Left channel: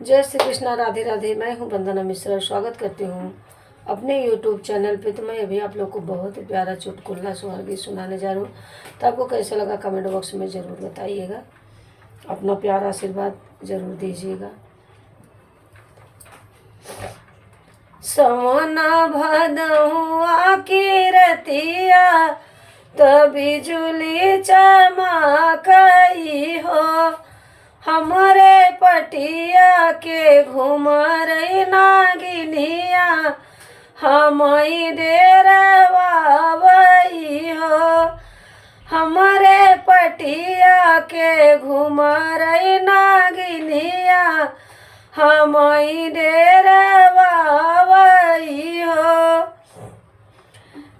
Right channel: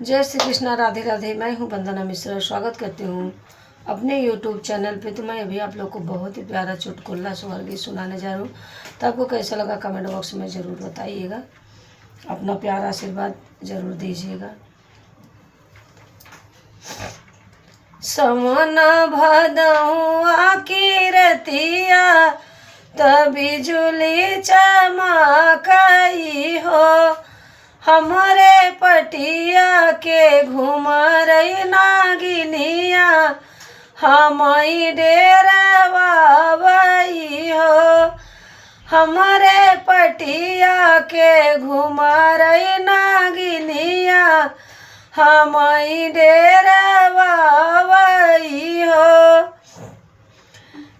जय श्री कृष्णा, राधे राधे। मैं हूँ वंदना मिश्रा, स्वागत करती हूँ अपने YouTube चैनल पे। तो मैं अभी आप लोग को बहुत ही प्यारा चुटकुला स्वर गीत सुनाने जा रही हूँ। तो आपको कैसा लगा कमेंट बॉक्स में ज़रूर बताइएगा, अपना प्यारा आशीर्वाद ज़रूर दीजिएगा। समना भदहुआ की रतिया तो बिजुली चमकई हो, हमरे पटिया के घुमरई नागिनिया हमई डेरवावई हो, हमरे पटिया के घुमरई नागिनिया हमई डेरवावई हो।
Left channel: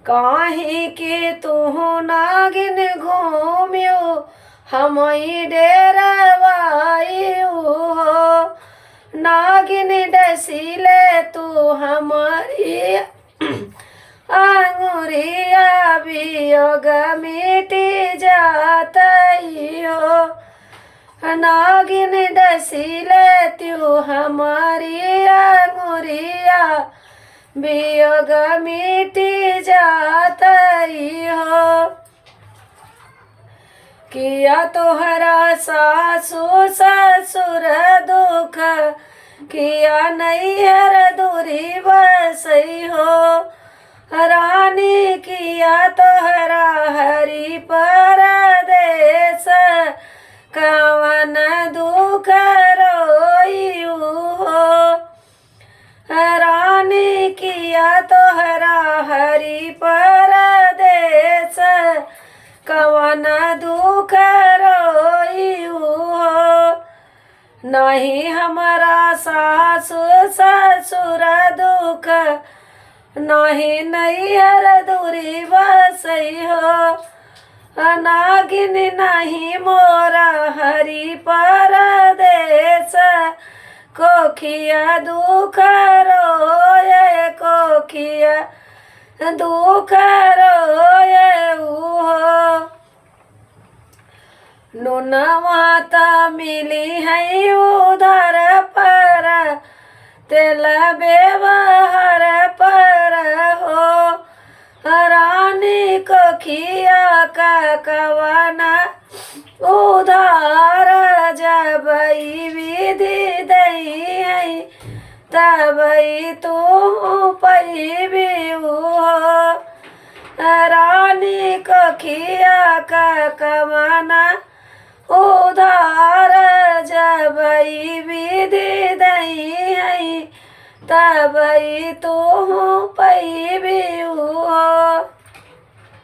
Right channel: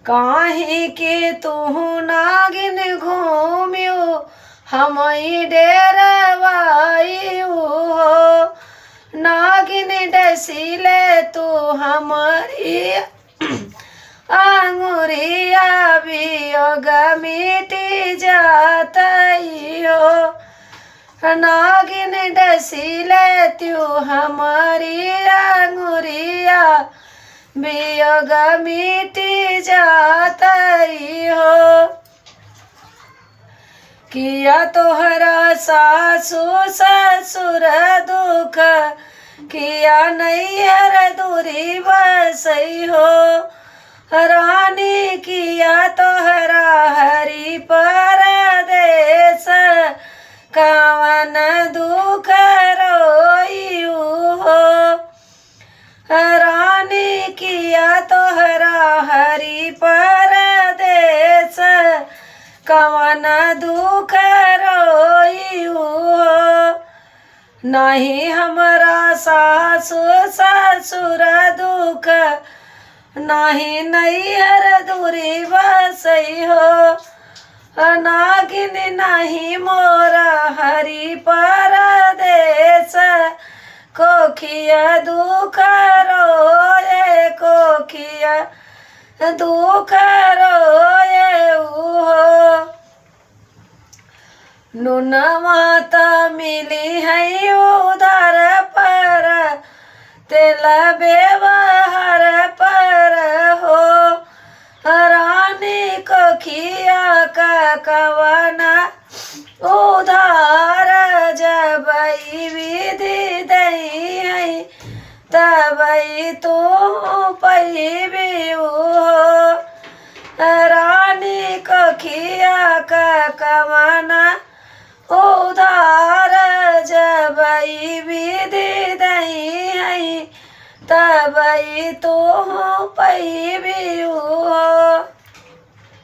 काहे के तू नागिन घूमियो हमई डेरवाई हो, नागिन डसीले तू हमारी अंगुरिया वियोग मिटी जातई हो, नागिन डसीले तू हमारी अंगुरिया वियोग मिटी जातई हो। किया तोहरा सासु ससुर दुख, किया नैहर दूरी बसई हो, रानी किया तोहरा हरि परदेस, कावन दुख रोइयू हो, रानी किया तोहरा हरि परदेस, कवन दुख रोइयू हो। नहीं हमारा सासु ससुर दुख, नहीं नैहर दूरी बसई हो, नागिन नहीं मोरा हरि परदेस, कोखिया दुख रोए, कोखिया दुख रोए हो। नुनवा त मिली है उधर पर, तेल व्यवहार पर हो, रानी कोखिया का कवना उधार, जबई विधि दई है तबई तू पैबी हो, रानी कोखिया का कवना उधार, जबई विधि दई है तबई तू पै